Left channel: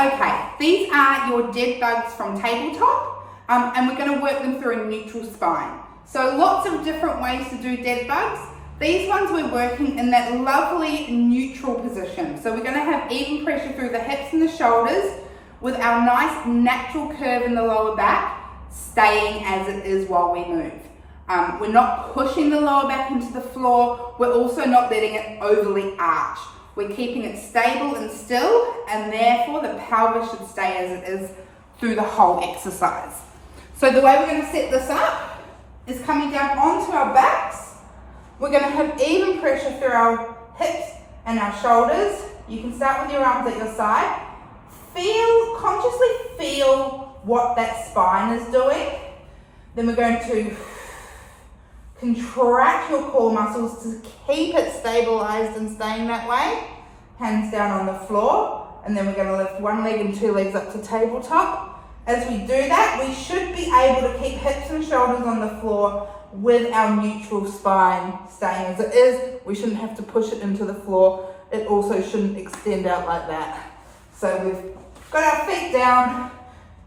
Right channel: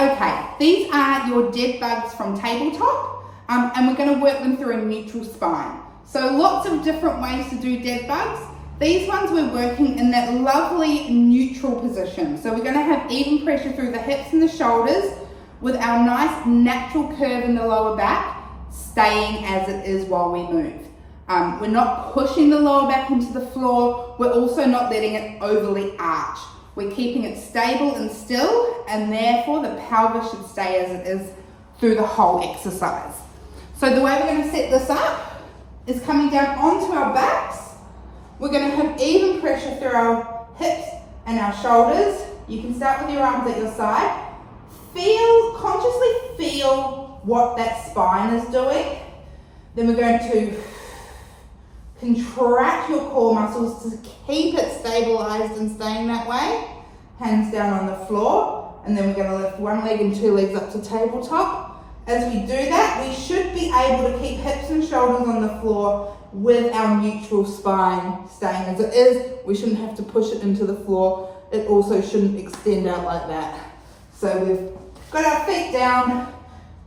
Okay, these are your dead bugs from tabletop, and we're going to work them through a neutral spine. So lots of different ways to do dead bugs. These ones we're working in that lovely neutral position. So we're going to have even pressure through the hips and the shoulders with our nice natural curve in the lower back staying as it is while we move. We're not pushing the lower back into the floor. We're also not letting it overly arch. We're keeping it stable and still, and therefore the pelvis should stay as it is through the whole exercise. So the way we're going to set this up is coming down onto our backs. We're going to have even pressure through our hips and our shoulders. You can start with your arms at your side. Consciously feel what that spine is doing. Then we're going to contract your core muscles to keep it stabilized and staying that way. Hands down on the floor. And then we're going to lift one leg and two legs up to tabletop. As we do that, we should be able to keep hips and shoulders on the floor with our neutral spine staying as it is. We shouldn't have to push it into the floor. It also shouldn't extend out like that. So we've got our feet down.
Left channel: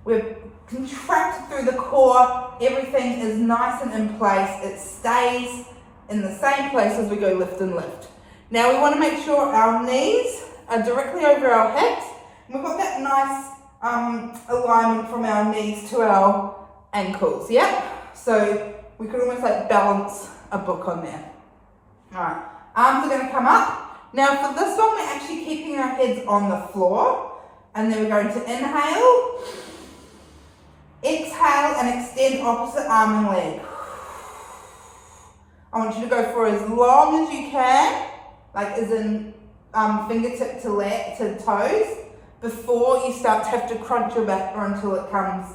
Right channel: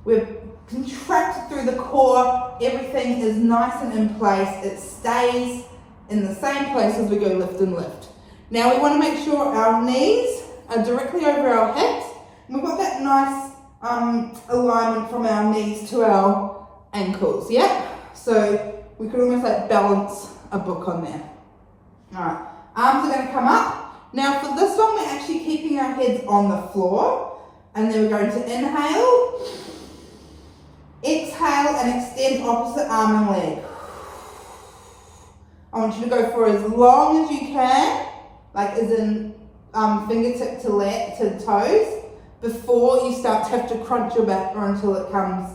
We've contracted through the core. Everything is nice and in place. It stays in the same place as we go lift and lift. Now we want to make sure our knees are directly over our hips. And we've got that nice alignment from our knees to our ankles. Yep. So we could almost like balance a book on there. All right. Arms are going to come up. Now for this one, we're actually keeping our heads on the floor. And then we're going to inhale, exhale, and extend opposite arm and leg. I want you to go for as long as you can, like as in fingertip to toes, before you start to have to crunch your back or until it comes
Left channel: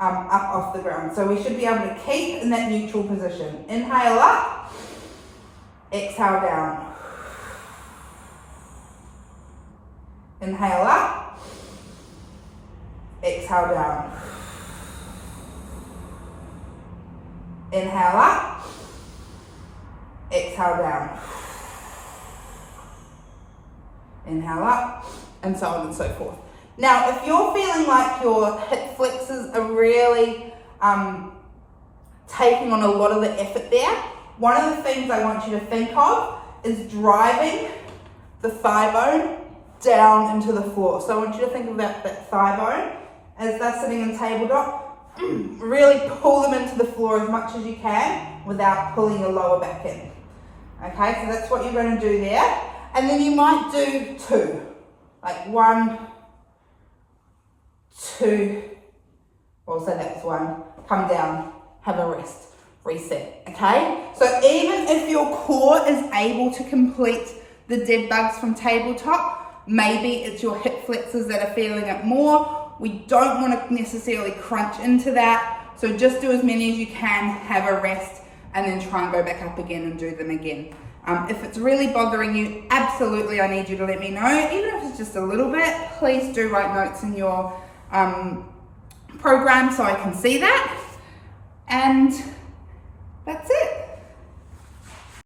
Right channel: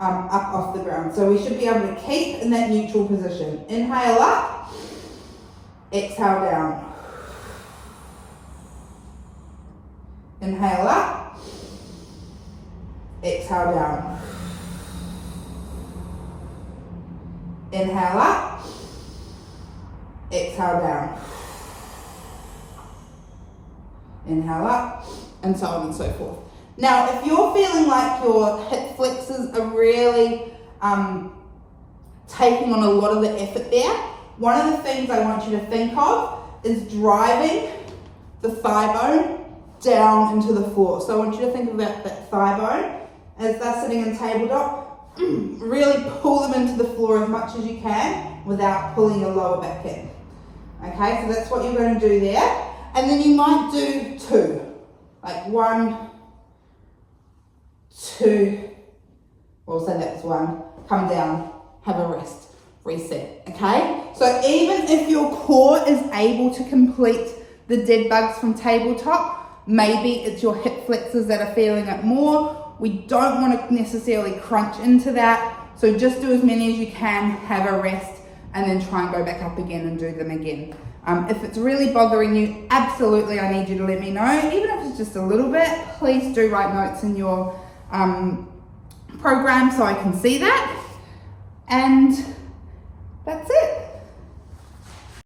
up off the ground. So we should be able to keep in that neutral position. Inhale up, exhale down. Inhale up, exhale down. Inhale up, exhale down. Inhale up, and so on and so forth. Now, if you're feeling like your hip flexors are really taking on a lot of the effort there, one of the things I want you to think of is driving the thigh bone down into the floor. So I want you to think about that thigh bone as they're sitting in tabletop. Really pull them into the floor as much as you can without pulling your lower back in. Okay, so that's what you're going to do there. And then you might do two. Like 1, 2, we'll say that's 1. Come down, have a rest, reset. Okay, so even if your core is able to complete the dead bugs from tabletop, maybe it's your hip flexors that are feeling it more. We don't want to necessarily crunch into that. So just do as many as you can, have a rest, and then try and go back up again and do them again. If it's really bothering you, absolutely I need you to let me know. Even if it's just a little bit, please do write notes in your program so I can see that. And